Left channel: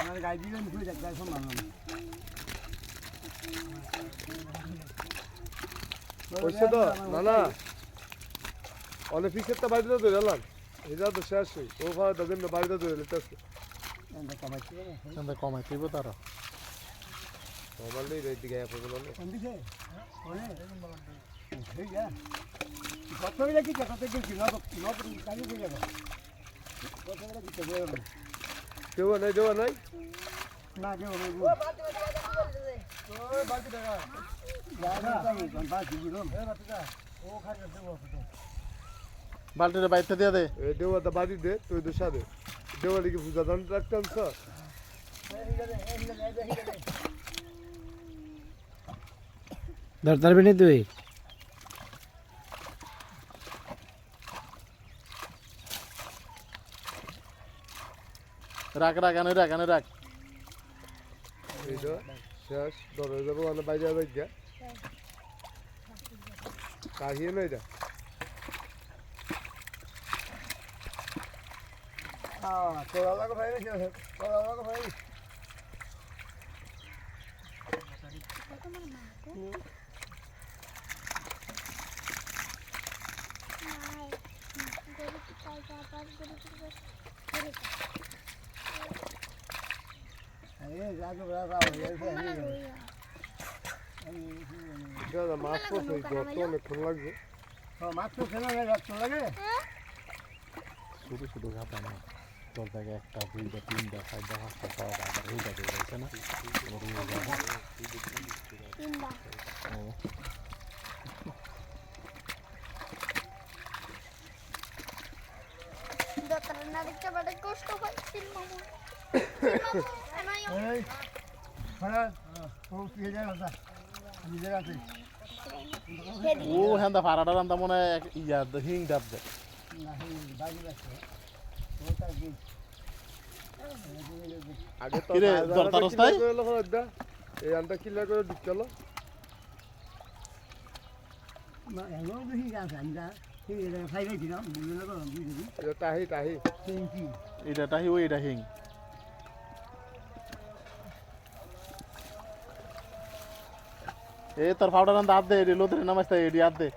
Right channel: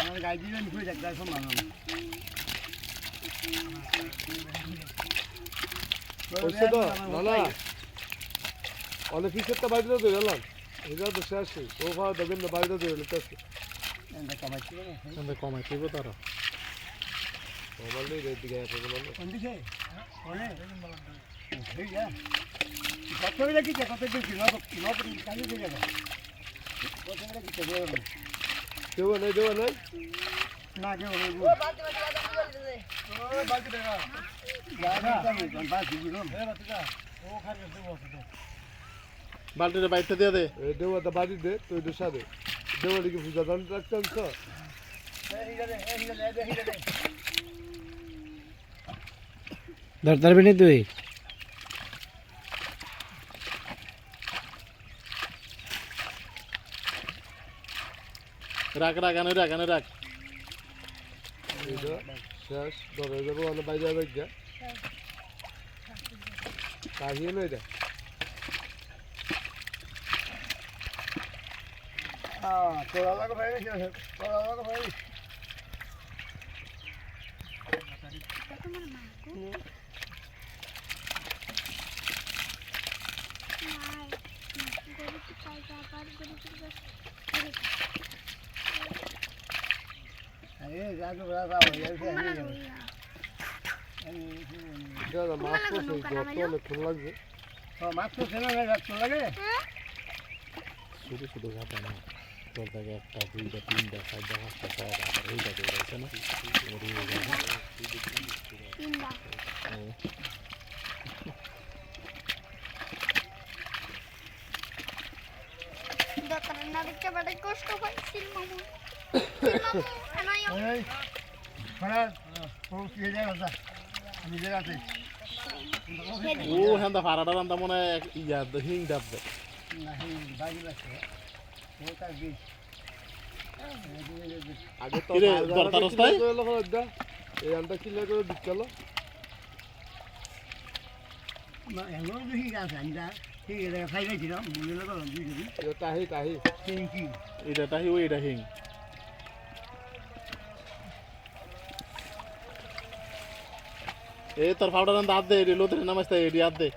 আমার গাড়ি দিলেন খুঁজে দেখতে সম্ভব না হচ্ছে তো না না অনেক পিছেরটা বাইরে ধরে এলাম এটা তো শেষ ও ভাড়া দেবেন না বাইরে ধরে লেটেছে কমাইতে তারা কমালে রেড দিকে পড়বে না কোন দিকে ঠিক আছে কত বেলা কি কত দিন কাজে দিয়ে যাবে কত বেলা কি দেবে দেওয়া নাই না কেউ নেই ও বালতি টাকা বালতিটা বাইতে দিয়ে দে দেওয়াটা বাড়ি দে তুই তো সাদে দেওয়া লিখে পূজা দান রাখতাম স্যার ধরতে পারবি না তুই রাখ রাখ এইটা শেষ 10,000 ওয়ালা বাইরে যাবে গিয়া কাহিয়ে না এটা তোরা লাগো ভাই না তোরা লাগো ভাই মাছ পড়ছে গত অনেকক্ষণ লাগবে মাছ তো খেলা লাগে শুধু শুধু ঘাটা না তোর থেকে 1, 2, 3, 4, 5, 6 আবার ওইটা দিয়ে যাচ্ছে না ও হ্যাঁ ফাড়াটা রান্না মনে হয় ইয়া হিং ডাব দে আগে তো কিরে, দরকার অবস্থায়? এই আনটা কিলা করে দিচ্ছিল তাহি এটা হি ওইটা হিং এই তোর ফাউডার রান্না হাত দে এডি লোতে নামাইতে এডি হাত দে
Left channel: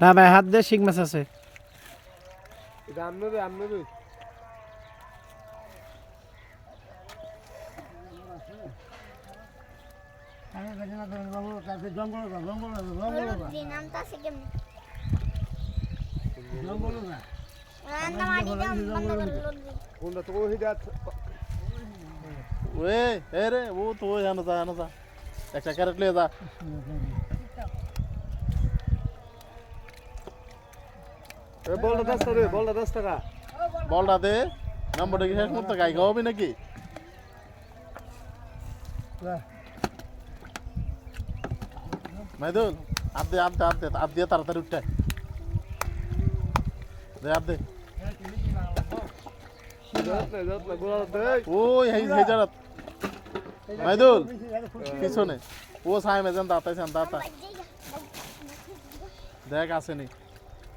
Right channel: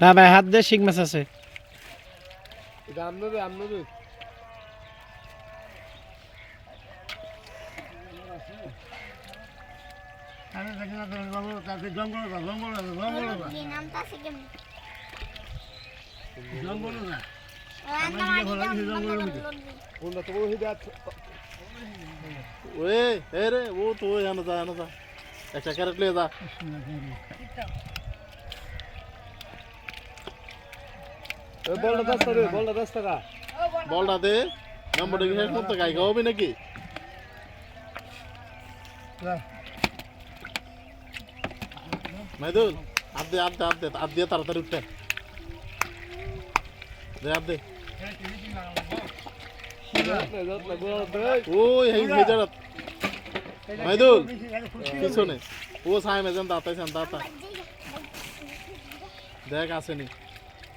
না ভাই হাত দে শিং মাছ আছে এটা আনবে কোনটা তো ওই যা ওরে এ রে ও তো জানো যা একটা ক্যারেট লিয়ে যা বলটা 10 টাকা বলটা দে নাম্বারটা কি শেষ করতে গাই খাওয়াবি নাকি মাইদুল আপ দিয়ে তাড়াতাড়ি উঠতে দে আপ দে ওই হেই হেজারত মাইদুল পিছনে ও সাই মেজান দাতা দেখ আসেনি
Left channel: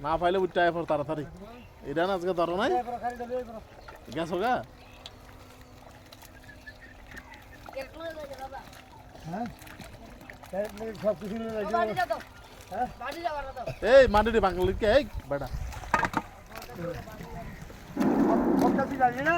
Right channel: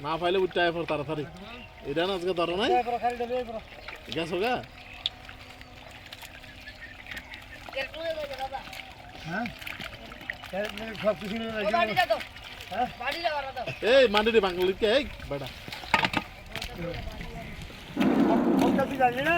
না পাইলে উঠতে আয় পর তাড়াতাড়ি এটা না আজকে ধরো নাই গেছো গা এই মান্ডি বাংলা কে এই বেটা জানি না